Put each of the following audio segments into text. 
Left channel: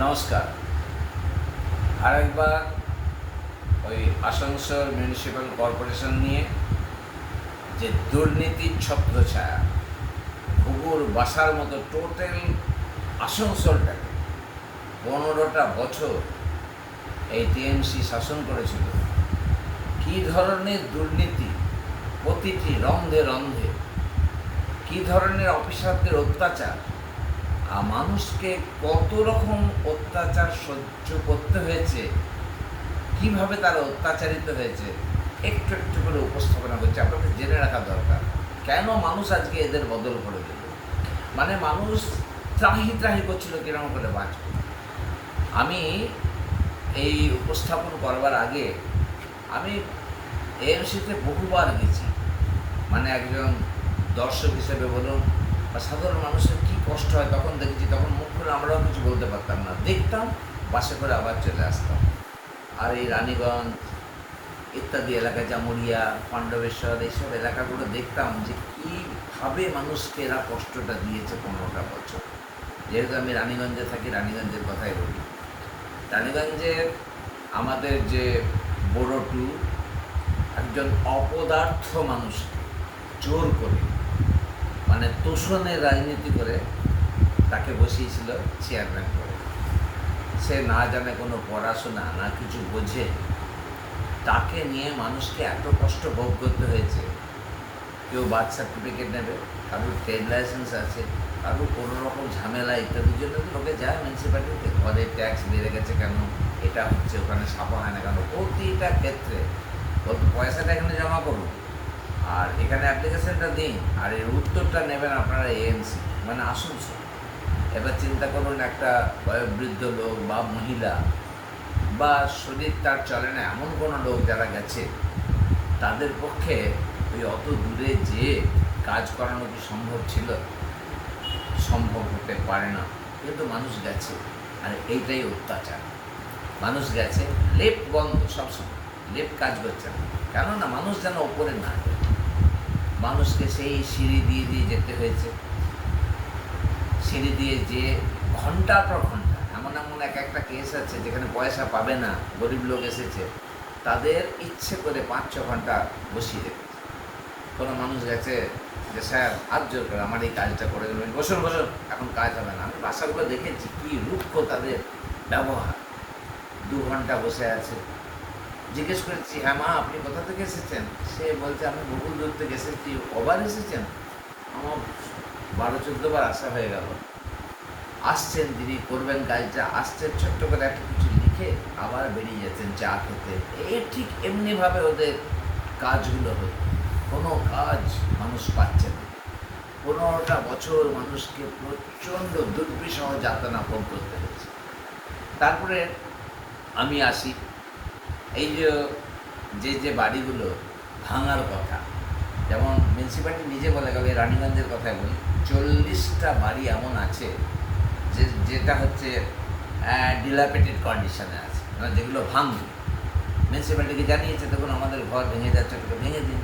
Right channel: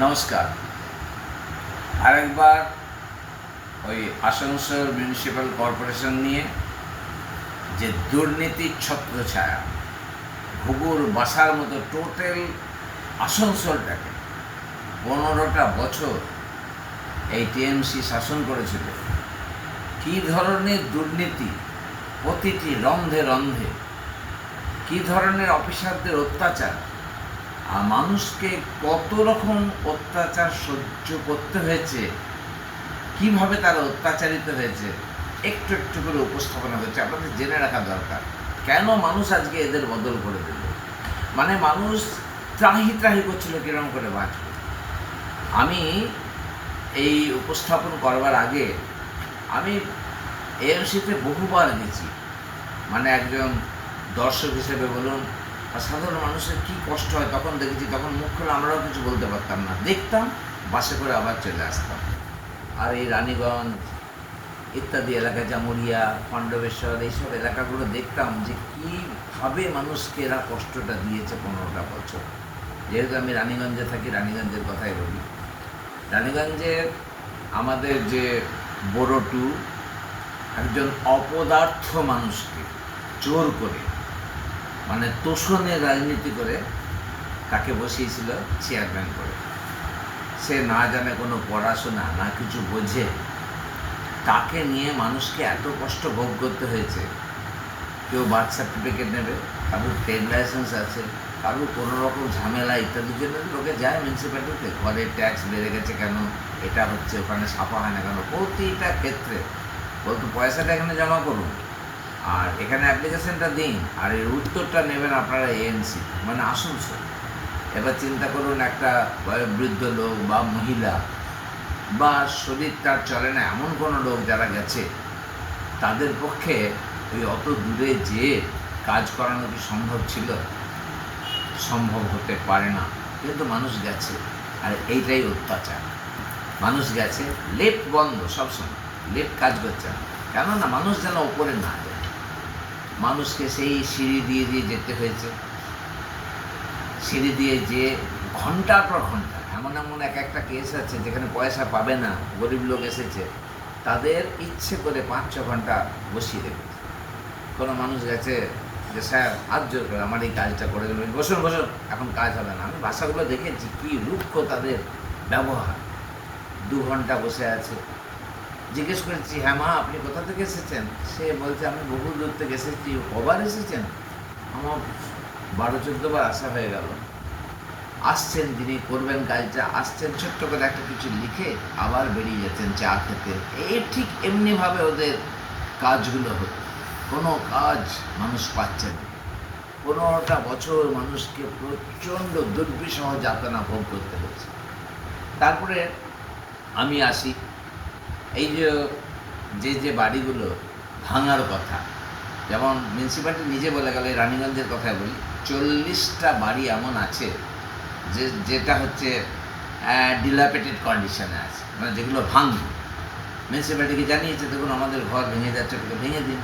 নমস্কার। আরেকবার ওই আসানসোল মিউনিসিপ্যাল কর্পোরেশন নিয়ে যে দুর্নীতির ছত্রছায়া ঘুঘুর বাসার মতো টোটাল আসানসোলটাকে 15টা বছর এই টিএমসি শাসন করেছিল। কী ধরনের দুর্নীতি, প্রতিটি রন্ধে রন্ধে কী ধরনের অফিসারদের অত্যাচার, আর মানুষকে কত রকম অত্যাচার সহ্য করতে হয়েছে, কিভাবে তারা অত্যাচারিত হয়েছে একটু একটু করে উপস্থাপনা হয়েছে। আপনাদের জেনে রাখা দরকার কেন মানুষ আজকে এদের বদল করে দিল। মানে মানুষ ত্রাহি ত্রাহি করছিল কিরকম করে বাঁচবে। আমি এই উপস্থাপন করবার আগে আমি এএমসিতে বহুবার গেছি, মানে একজন দর্শক হিসেবে বলুন, আর সাধারণ মানুষের কী কষ্ট হয় তখন দেখেছি। তখন মুখ খুলে আমরাও কিছু বলতে পারতাম না, দেখতাম, বাসে করে আবার চলে আসতাম। আর এই রানীগঞ্জ ইত্যাদি এলাকা, জামুরিয়া, পাণ্ডবেশ্বর, এইসব এলাকাগুলো দেখতাম যে কীভাবে মানুষকে এরা কষ্টটা দিয়েছে 15টা বছর। যেহেতু আমি রানীগঞ্জে থাকি, রানীগঞ্জের কথাই বলি। রানীগঞ্জে আমাদের যে বড়টু একজন অপদার্থ মানুষকে জোর করে, মানে তোষণের রাজনীতি করে তাকে বসিয়েছিল চেয়ারম্যান করে। সে না জানে কোনো পড়াশোনা, না কিছু বোঝে, তাকে নিয়ে মানুষকে এত কষ্ট ভোগ করতে হয়েছে। কেউ বার্থ সার্টিফিকেট নেবে, কারোর ট্রেড লাইসেন্স আছে, কারোর কোনো রকম ঝামেলা ইত্যাদির জন্য লোকে যায় মিউনিসিপ্যালিটিতে। ঘরে ট্যাক্স বেড়ে গেছে কেন, এটা হচ্ছে, ওখানে ছাপা হয় না কেন, প্রতিটা ক্ষেত্রে বলতো পয়সাটা এখানে জমা করুন আর এখানে অ্যাপ্লিকেশনটা দিন, আর এর উত্তরটা নেবেন আপনারা এএমসি, মানে আসানসোল। এবার চিন্তা করুন, একটা বয়োবৃদ্ধ লোক বা মহিলা বা শরীর তার চলে না এমন কোনো লোক যারা গেছে, তাদের পক্ষে ওই অত দূরে যেয়ে কাজ করানো কি সম্ভব ছিল? সম্ভব হতে পারে না, কিন্তু মানুষ গেছে। আর এইটাই অত্যাচার। মানুষ গেছে, লেফট বন্ধ সবসময়, লেফট কাজ করছে না, কেননা মানুষ যেন ওপরে না যায়। মানুষকে সেই সিঁড়ি দিয়ে দিয়ে যেতে হয়েছে, সিঁড়ি দিয়ে যেয়ে ঘন্টার পর ঘন্টা, এমন এমন এক একটা কেস আছে যেখানে পয়সা পাবে না, গরিব লোক এসেছে, তাদের ইচ্ছে করে 5-6 ঘন্টা বসিয়ে দেবে। কোনো মানুষ গেছে যে স্যার হাত জোর করে আমার এই কাজটা করে দেবেন, বসুন বসুন, এখন কাজ হবে না। আমি বাসাগুলো দেখেছি, কী রুক্ষ তাদের ব্যবহার। 2 ঘন্টা বসে আছে। জিজ্ঞেস করেছি, হ্যাঁ মা আপনি কোথা থেকে এসেছেন? সে বলছে আমি বহু দূর থেকে এসেছি। কবার এসেছেন? আমার 12-14 বার আসা হয়ে গেল। আসছেন, যিনি করবেন কাজটা, আসছেন, ছোট্ট করে একটা কিছু লিখে আবার বেরিয়ে যাচ্ছেন চা খেতে। এই ঠিক এমনিভাবে ওদের কাজগুলো হতো। কোনো কাজ মানুষ পাচ্ছে না। 15টা বছর মানুষকে প্রচণ্ড দুর্বিষহ যাতনা ভোগ করতে হয়েছে। তারপরে আমি আসি, এই যে বাড়িগুলো ভাঙার কথা, যেমন মিউনিসিপ্যালিটি নিজে বলে গেল, রানীগঞ্জের কথাই বলি, 40টা বাড়ি এমন আছে যেটা হচ্ছে ডিলাপেটেড কন্ডিশনে আছে, মানে যেগুলো ভাঙবে। মিউনিসিপ্যালিটিকে জানিয়েছে, দেখুন আমাদের ঘর ভেঙে যাচ্ছে, ভেঙে দিন।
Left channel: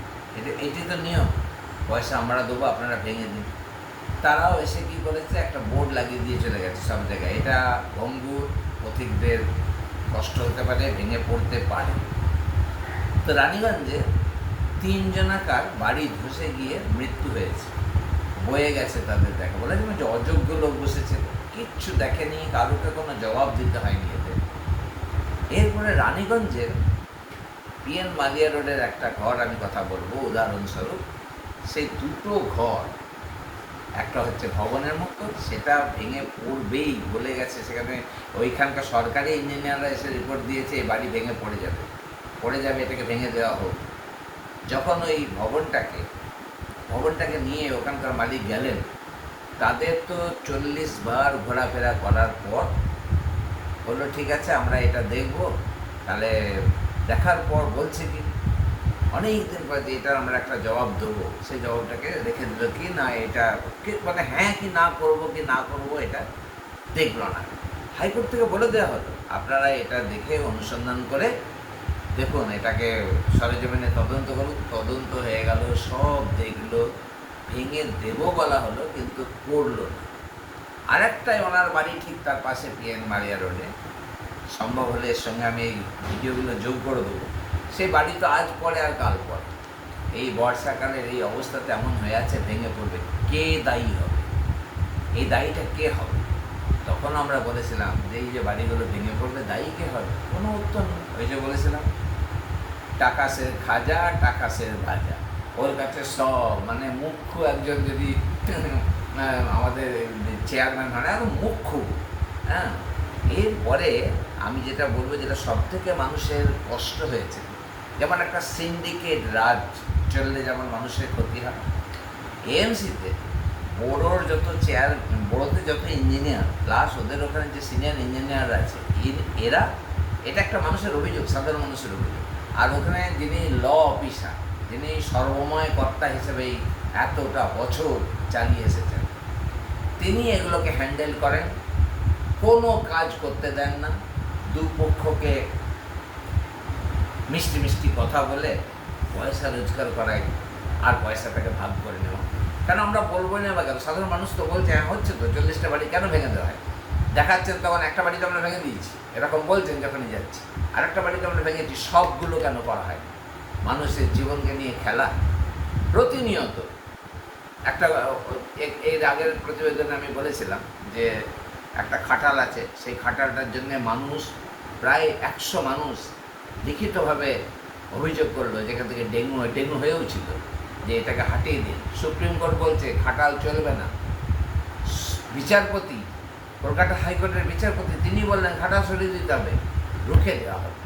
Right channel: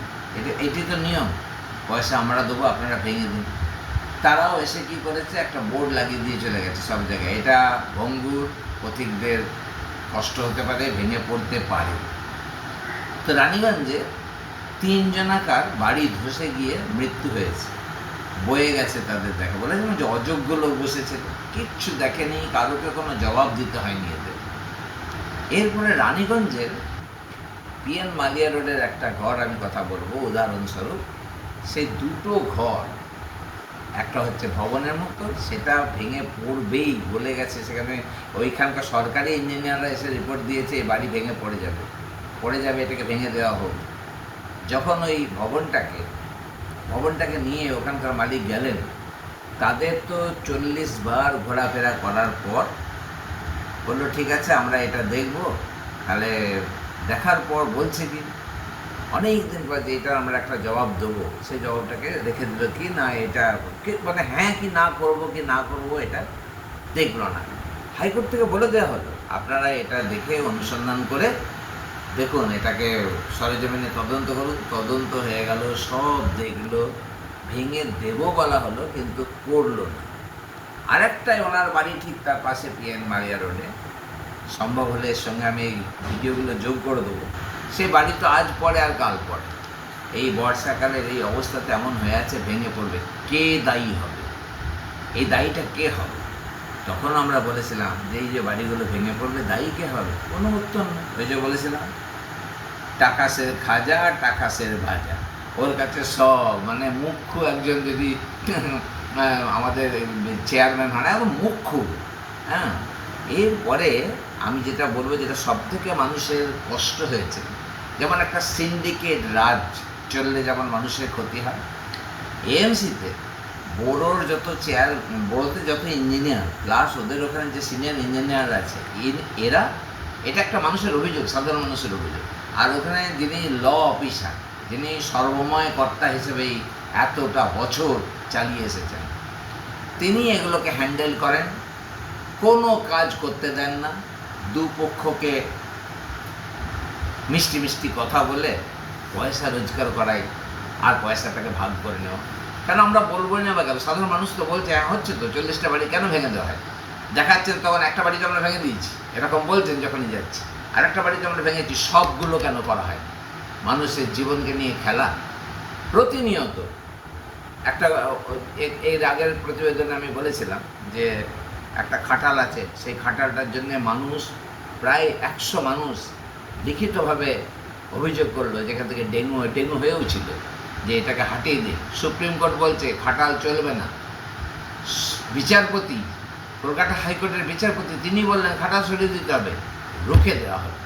এটি তো নিয়ম, পয়সা আমরা দেবো, আপনারা ভেঙে দিন। তারাও এসে কী করেছে, একটা বোর্ড লাগিয়ে দিয়ে চলে গেছে সব জায়গায়, এটা ভঙ্গুর, পথিকদের কষ্ট হতে পারে, ভেঙে পড়তে পারে। তো রানীগঞ্জে 3 জনাকার বাড়ি ধসে গিয়ে মৃত্যু হয়েছে, বয়ে গেছে তাদের দেখা। বলে যে অযোগ্য লোক বসেছে, কিচ্ছু দেখেনি, কারোকে কোনো জবাব দিতে হয়নি এদের। এরপরে রানীগঞ্জের পিএন মালিয়া রোডের একটা ঘর আমি কথা বলবো উদাহরণস্বরূপ। সেই 2টো ঘর, একটা হচ্ছে ভবনের মতো, সেটা ভেঙে পড়বেই বলে গেছে। সেখানে ওইখানকার সরকারি ইঞ্জিনিয়াররা এসে রিপোর্ট দিয়েছে এই বাড়ি ভেঙে পড়ে যাবে, এটাকে ভেঙে দেওয়া হোক। যখন ওই ভবনটাকে নিয়ে ওখানকার মালিক গেলেন, তাদের তো 40 বার ঘোরাফেরা করার পর বললো ঠিক আছে আমরা এটা দেখব। তাহলে দেখার পর বলছে কি, অনেক দিন পর যে এটার আমরা একটা জবাব দেবো, সেই জবাবটাকে রেখে দিল কি না, এটা মানে হ্যাঁ কি না করবো এটা দেখলো না। হাইকোর্ট থেকে বলে দেওয়া হলো আপনারা এটা দেখে অনুসন্ধান করে দেখুন, এটাকে সরেজমিনে তদন্ত করুন। তদন্ত হয়ে গেল, সব দেখলো, ভেঙে দেবো বলা হলো, কিন্তু করলো না। আরেকটাই ওনার বাড়ি ঠিক তার পাশে পিএন মারিয়া রোডে, সম্ভব হলে এর সঙ্গে আমি এই ভিডিওগুলো যোগ করে দেবো। সেই বাড়ি তো আজ পরে আর কাল পরে, এই বর্ষাকালের এই অবস্থাতে এমন হয়ে আছে, ভেঙে পড়বে। কে দায়ী হবে? এই দায়ীটা কে হবে? তখন আমরা বলেছিলাম যে এই যে বাড়িগুলো ভেঙে পড়বে দায়ী কে হবে? কোনো উত্তর নেই। ওই যে বলেছিলাম টাকাসের খাজা, টাকাসের ভাজা, ওর কাছে সব, মানে মুখ্য একজন যদি আমাদের চেয়ারম্যান হয়, একদম মুখ্য। হ্যাঁ, এরপরে আমি যেটা বলবো, যেটা সব থেকে মানুষের কষ্ট হয়েছে, যেমন একটা সিন্ডিকেট রাজ চললে যেমন মানুষের ক্ষতি হয়, এএমসিতে বড়োর যত চেয়ার, বড়োতে যত ইঞ্জিনিয়ার প্লাস ওদের ওখানে যে সিনিয়র ইঞ্জিনিয়ার আছে, এরা, এটা একটা মানুষের অভিযোগ, সাধারণ মানুষের অভিযোগ। আর ওখানে যিনি ল অফিসার, যিনি সর্বময় কর্তা হিসেবেই এতটা বছর চালিয়ে এসেছেন, তিনি এগুলোকে হ্যান্ডেল করেন, কোনো কাজ করতে দেন না, দুপক্ষকে মিষ্টি মিষ্টি কথা বলে পয়সা রোজগার করাই, আর পয়সাটাকে ভাগ করে নেওয়া। কেন আমরা বলবো না বা কেন? সাধারণ মানুষ তো বলছে হ্যাঁ হচ্ছে তো, 40টা বাড়ি কেন ভেঙে দেওয়া হয়? দেখাচ্ছেন তখন একটা বাড়িতে আমরা ভেঙে দিয়েছি, এরকম বলছেন যখনই যাচ্ছি, আর একটা বাড়িতে আমরা ভেঙেছি, সবগুলো কেন করা হয়? মানুষের জীবনকে নিয়ে খেলা প্রতিনিয়ত। একটা এর আগের প্রতিবেদনে আমি বলেছিলাম যে একটা খাটাল আছে, সেই খাটালটার জন্য মানুষ, প্রায় 100 মানুষ লিখিতভাবে অভিযোগ করলো, যেখান থেকে ডেঙ্গু হয়েও ছিল, যে এটাকে হাটিয়ে দিন। সুপ্রিম কোর্ট বলছে খাটাল চলবে না। বিচারপতি, কলকাতা হাইকোর্টের বিচারপতি, তিনি বললেন খাটাল সরিয়ে দিতে হবে, রুখে দেওয়া হবে।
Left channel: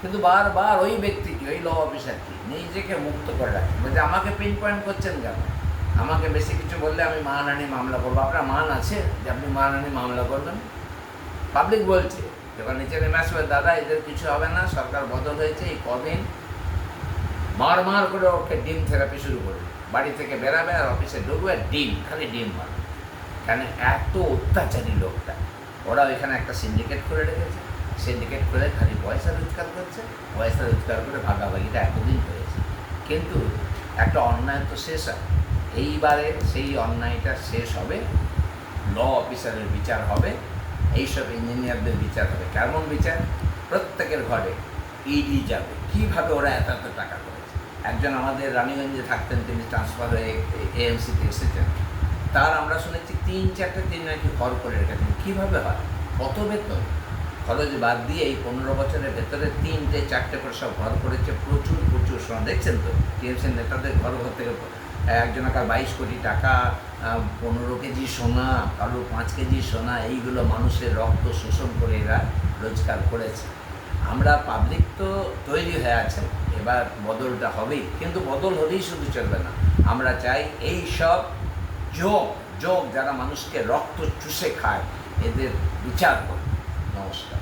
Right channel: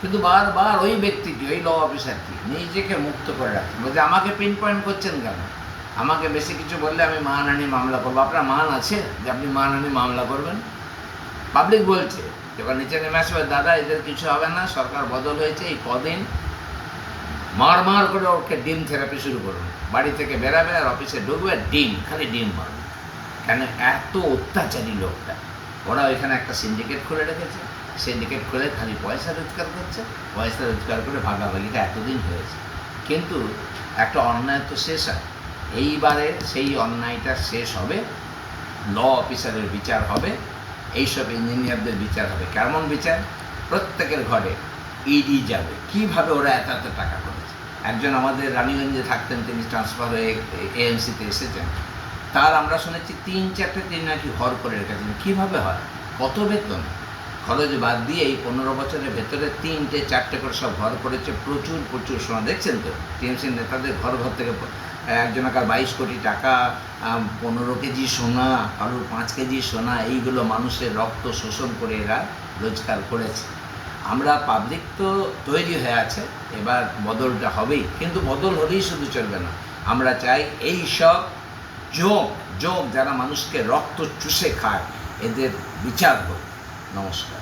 কিন্তু বারবার ওই ব্যক্তিটি, ওই ল অফিসারটি নিজেকে মুক্ত করে রাখছে, বলছে আমাকে পিন পয়েন্ট করছেন কেন? আমাকে বেশি কিছু বললে আমি মানহানি মামলা করবো। আপনার মান আছে যে আপনি মানহানি মামলা করবেন? পাবলিক বলছে, যখন নিচে নেমে আসবে, দাদা এদের কিছু হবে না, সরকার বদল হয়েছে, এই কদিন মার করে ওকে ডিম থেরাপি শুরু করুন। বাড়ি থেকে বেরাবে আর অফিসে ঢুকবে, ডিম, খালি ডিম মার। কেন? এত অত্যাচারী লোকটা। ওরা ওইখানে একটা সিন্ডিকেট খুলে রেখেছে, সিন্ডিকেট খুলে খালি পয়সা রোজগার করছে, পয়সা রোজগার করে ভাগাভাগিটা এতদিন হয়েছে। কিন্তু একটা অন্যায় তো শেষ হয়, এইবারে সেই অন্যায়টা শেষ হবে, ল অফিসারের বিচার হবে, এইসব ইঞ্জিনিয়ারদের বিচার হবে। কেমন বিচার? প্রত্যেকের ঘরে ইডি যাবে, কীভাবে ওরা এত এত টাকা করেছে। একজন আমাদের রানীগঞ্জে থাকতেন, তিনি ট্রান্সফার হয়ে এএমসিতে এসেছেন, তার আমরা শুনেছি 3-4টে তিনি নাকি ঘর করে রেখেছেন। কীভাবে হয়? কত বেতন খরচ বাদ দিয়ে এই 15 বছরের ভেতরে 3-4টে করে সব ঘর করেছে। প্রচুর প্রচুর সোনা, দেখছেন তো টিএমসি নেতাদের ঘর থেকে একজনকার 22 কোটি টাকা, 15 কেজি সোনা, কারোর 5 কেজি সোনা, এইগুলো মানুষের রক্ত শোষণ করে এরা রোজগার করেছে। আমরা পাবলিক তো তৈরি হয়ে আছে, এবার বদলটা হবেই, কিন্তু বদল হলেই শুধু চলবে না। আমরা চাই এই সব যোগ যারা মানুষকে রক্ত চুষে খায়, এদের বিচার হোক। নমস্কার।